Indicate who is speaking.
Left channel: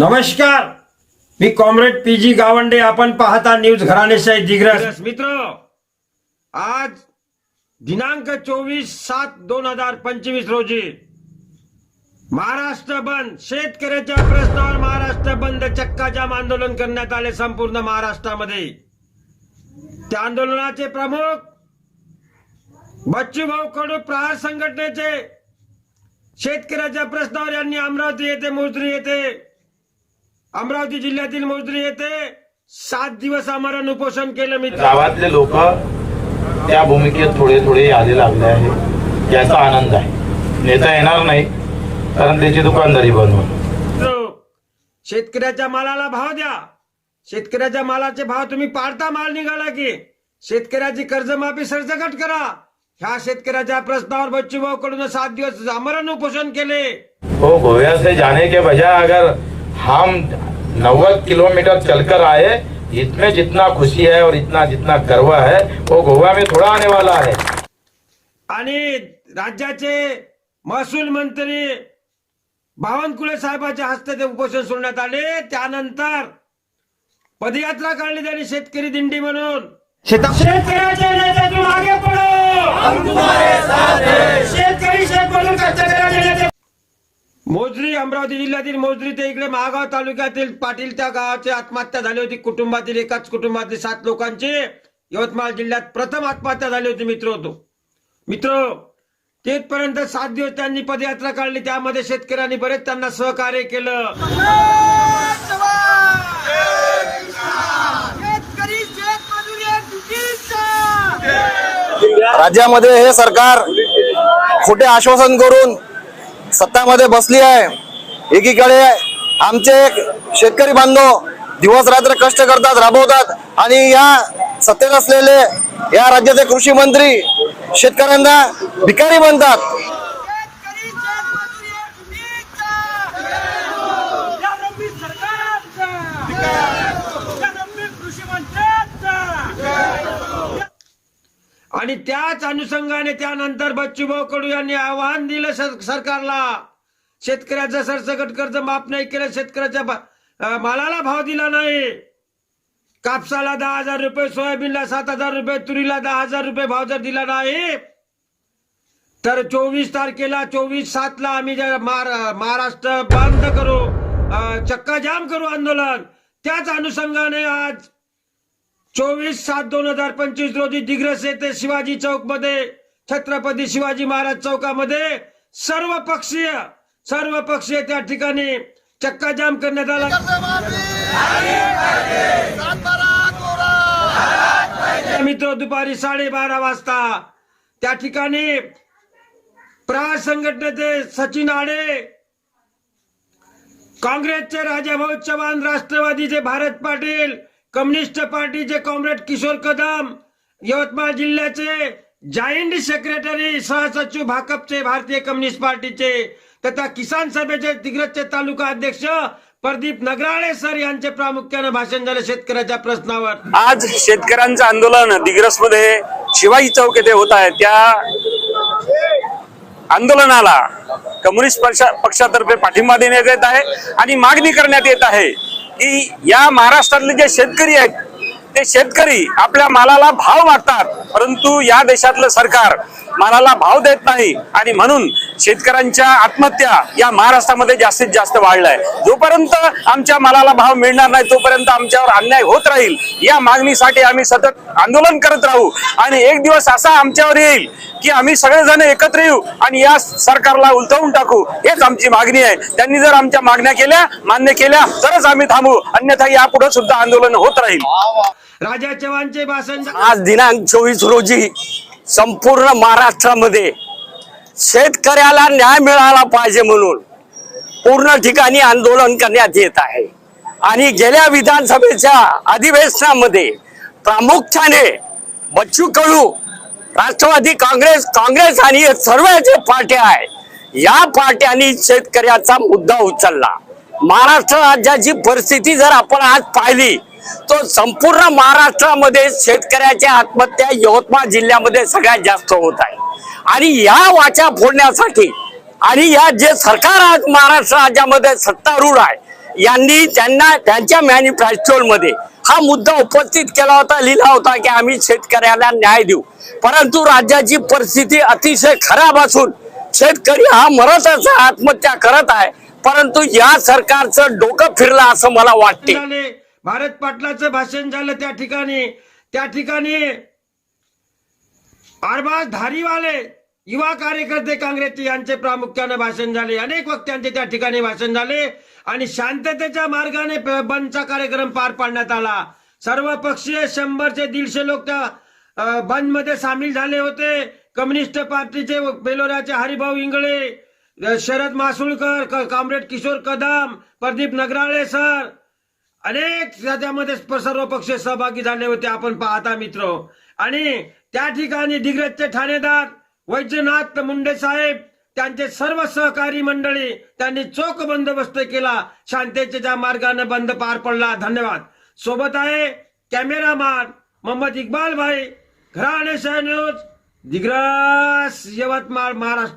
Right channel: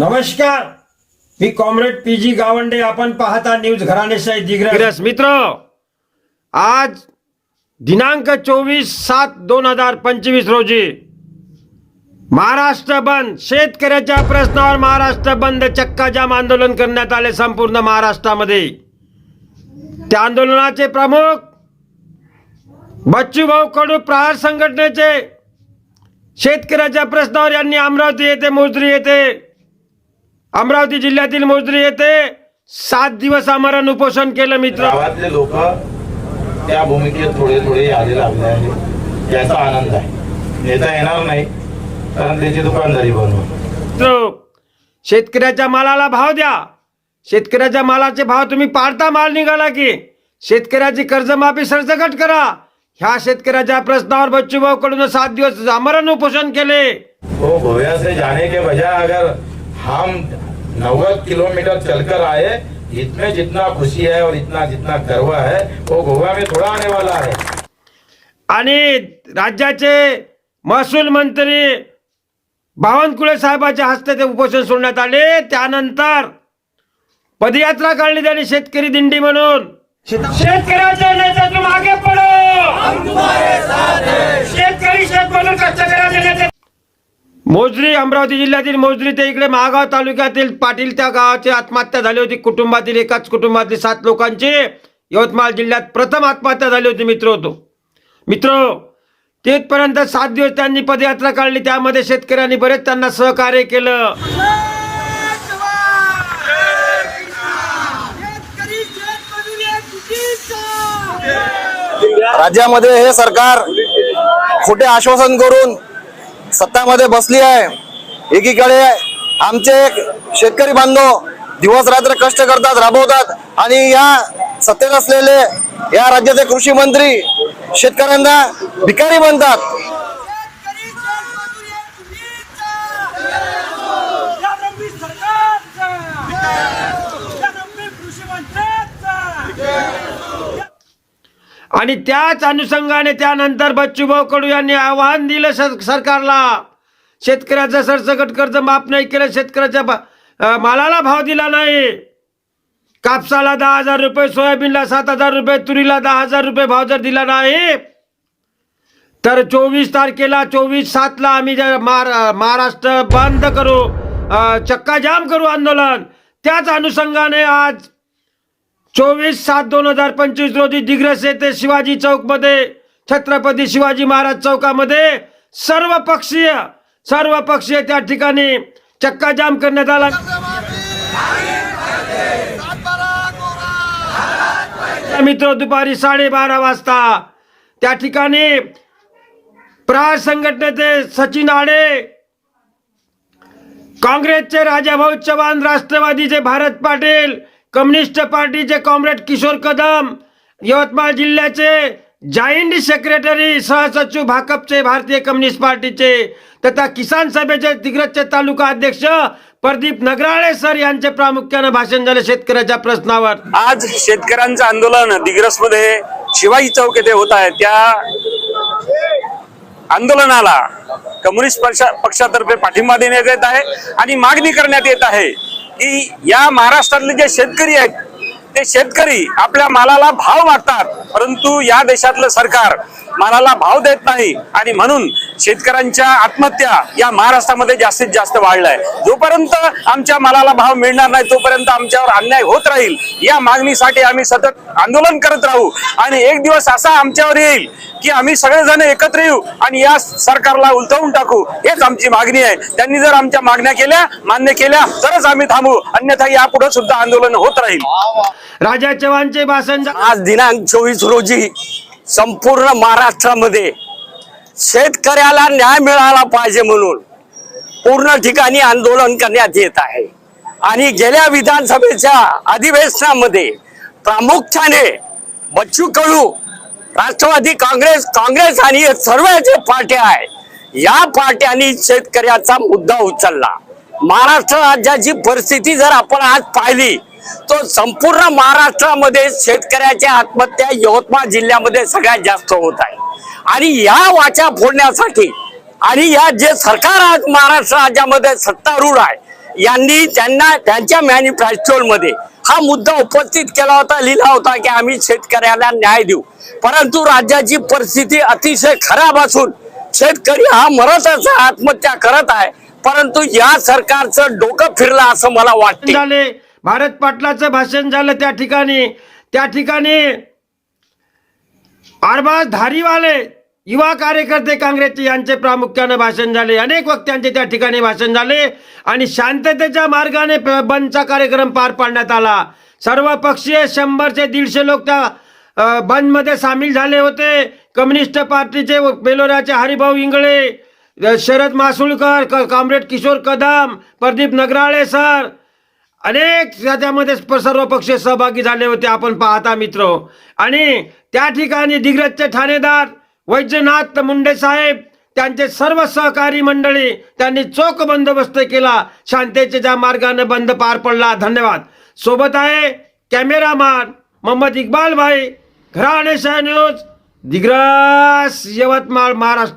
Speaker 1: नमस्कार. मी comrade P G Gawande. आपण पाहता न्यूज घराणेशाही दिग्रस. मित्र आज दिनांक चोवीस सात दोन हजार पंचवीस रोजी महाराष्ट्र बंद. शेतकऱ्याच्या प्रश्नावर महाराष्ट्र बंद. चक्का जाम आंदोलन करण्यात आले संपूर्ण महाराष्ट्रामध्ये. त्या आंदोलनाचे प्रमुख बच्चूभाऊ कडू प्रहार संघटनेचे शेतकऱ्याच्या प्रश्नावर यांनी अमरावती येथे मोजरी येथे अमरावती जिल्ह्यातील मोजरी येथे सात दिवस आमरण उपोषण केलं मित्र.
Speaker 2: गावातले लोक त्या भूमिकेत थोडे थोडे यादी लागले आहे. याचा आनंद आहे. नेता येणार नाही कारण त्याची दुकानदारी बंद होईल
Speaker 1: शेतकऱ्याच्या मालाला भाव द्या. शेतकऱ्याच्या मालाचे भाव तुम्ही पाडता माल निघाला की. शेतकऱ्याची कर्जमाफी सरसकट करा. ह्या शेतकऱ्याच्या प्रश्नावर बच्चूभाऊ कडून सात दिवस आमरण उपोषण केले.
Speaker 2: गोया से जाने के बजाय अगर हम नब्बे किलोमीटर चलकर आए। इसमें जितना खुशी है और इतना जितना गर्व है वो गोवा में थोड़ा आने वाला है।
Speaker 1: आणि राज्याचे महसूल मंत्री बावनकुळे साहेबाच्या हस्ते ते उपोषण सोडण्यात आले. त्यानंतर पदयात्रा काढली त्यांनी शेतकरी दिंडी म्हणून. शेत- शेतकऱ्याच्या नेत्यातून मागे पडो शेतकरी शेतमजूर कष्टकऱ्याचे नेते मोजरी अमरावती जिल्ह्यातील मोजरी ते इकडे महागाव तालुक्यातील पाटील त्या गावाची आत्महत्या झाली होती. कुटुंबातील एकाच कुटुंबातील सात लोकांची यवतमाळ जिल्ह्यात प्रथम आत्महत्या झाली होती मित्र होतो मित्र तिथपर्यंत सात दिवस त्यांनी पदयात्रा काढली. त्यामध्ये शेतकऱ्यांनी बरेच त्यांना सहकार्य केलं.
Speaker 3: राज्यामध्ये हे सरकार खोटे आश्वासन करून सत्तामध्ये बसली आहे. एकीकडे आमचे शेतकरी बांधव दिवस रात्र कष्ट करतात राबवतात आणि या सत्तेत असलेले या राज्याचे कृषी मंत्री शेतकऱ्यांना भिकारी
Speaker 4: म्हणतात
Speaker 1: आणि त्याच अनुषंगाने त्यानंतर बच्चूभाऊ कडू यांनी आव्हान दिलं सर- सरकारला. शेतकऱ्याचं सरसकट कर्ज माफ नाही केलं शेतकऱ्याच्या भा- मालाला भाव दिला नाही. कापसाला दहा हजार रुपये सोयाबीनला सात हजार रुपये तुरीला दहा हजार रुपये भाव जर दिला नाही तर चोवीस तारखेला चोवीस सातला आम्ही जर महार- महाराष्ट्र बंद करू चक्काजाम चक्का जाम करू आंदोलन. त्याच अनुषंगाने आज चोवीस सात दोन हजार पंचवीस रोजी दिग्रस येथे शिवाजी चौकमध्ये छत्रपती शिवाजी महाराज चौकामध्ये सर्व पक्षीय सर्व पक्षीय त्या ठिकाणी चक्का जाम करण्यात आला. मित्र दुपारी साडेबारा वाजता त्या ठिकाणी प्रहार संघटनेचे सचिन आडे काँग्रेसचे राजाभाऊ चव्हाण राष्ट्रवादीचे भारत पाटील कम्युनिस्ट पार्टीचे कॉम्रेड किशोर कदम यवतमाळ जिल्ह्याचे जॉईंट सेक्रेटरी सहसचिव भाकपचे भारतीय कम्युनिस्ट पार्टीचे तथा किसान सभेचे दिग्रजचे तालुका अध्यक्ष प्रदीप नगराळे सर यांचे प्रामुख्याने भाषण झाले शेतकऱ्याच्या प्रश्नावर.
Speaker 5: आज शेतकऱ्यांचं आंदोलन दिग्रसमध्ये शिवाजी चौक येथे होत आहे. त्या आंदोलनाला कम्युनिस्ट पक्षातर्फे पाठिंबा देण्यात येत आहे आणि मागणी करण्यात येत आहे. की या महाराष्ट्रातले जे शेतकरी आहेत ते शेतकरी आपल्या मालाला भाव मागतात. परंतु या देशातलं सरकार मालाला भाव देत नाही आणि म्हणून शेतकऱ्यांच्या आत्महत्या या महाराष्ट्रामध्ये जास्तीत जास्त वाढलाय. जोपर्यंत आमच्या मालाला भाव मिळणार नाही तोपर्यंत आमच्यावर अन्याय होत राहील. या मागणीसाठी आम्ही सतत आंदोलन करत राहू. आणि एक दिवस असा आमच्यावर येईल की आम्ही सगळेजण एकत्र येऊ आणि या सरकारला उलथवून टाकू. हेच आमची मागणी आहे. त्यांनी जर आमच्या मागण्या केल्या मान्य केल्या तरच आम्ही थांबू. अन्यथा यापुढे सुद्धा आंदोलन होत राहील.
Speaker 1: राजा चव्हाणचे भाषण
Speaker 3: आज दिनांक चोवीस रोजी संपूर्ण महाराष्ट्रामध्ये शेतकऱ्याला न्याय मिळाला पाहिजे म्हणून पूर्ण ठिकाणी आंदोलन करण्यात येत आहे. आणि गेल्या विधानसभेच्या अधिवेशनामध्ये प्रामुख्याने बच्चू कडू राष्ट्रवादी काँग्रेस काँग्रेस आणि सर्व जे पार्ट्या आहे या पार्ट्यांनी शेतकऱ्याचा मुद्दा उचलला. महाराष्ट्र राज्याची परिस्थिती जर आपण आज पाहिली तो संपूर्ण महाराष्ट्रामध्ये शेतकऱ्याच्या आत्महत्या यवतमाळ जिल्ह्यामध्ये सगळ्यात जास्त होत आहे. आणि या वाचा फोडण्यासाठी आणि या जे सरकार आज महाराष्ट्र राज्यामध्ये सत्तारूढ आहे यांनी त्यांना त्यांच्या मॅनिफेस्टोलमध्ये हा मुद्दा उपस्थित केला होता लिहिला होता की आम्ही शेतकऱ्याला न्याय देऊ. परंतु राज्याची परिस्थिती अतिशय खराब असून शेतकरी हा मरतच आत्महत्या करत आहे परंतु या सरकारचं डोकं फिरलं असं मला वाटते.
Speaker 1: भारत पाटलाचं भाषण झालं त्या ठिकाणी. त्या ठिकाणी आरबाज धारीवाले युवा कार्यकर्ते काँग्रेसचे यांचे प्रामुख्याने भाषण झाले. अनेक वक्त्यांचे त्या ठिकाणी भाषण झाले आणि शांततेच्या मार्गाने बंदचा कार्यक्रम पार पाडण्यात आला. सर्व पक्षीय शंभरचे दीडशे लोक त्या अ, बंदमध्ये सामील झाले होते. कम्युनिस्ट पार्टीचे बेलोराचे हरिभाऊ इंगळे शरद मासुळकर क- कॉम्रेड किशोर कदम प्रदीप नगराळे सर अनेक त्याच्यामध्ये सर्व पक्ष सहभागी झाले होते आपण पाहता मित्र. आणि त्या ठिकाणी दिग्रजचे ठाणेदार वैद्यनाथ मुंडे साहेब त्यांचे सर्व सहकारी मंडळी त्यांनी चोख बंदोबस्त केला. शांततेच्या मार्गाने बंद पार पडला. धन्यवाद. सोबत आहे कॅमेरामॅन मोहम्मद इक्बाल भाई. घराणे शाह न्यूज दिग्रस यवतमाळ महाराष्ट्र.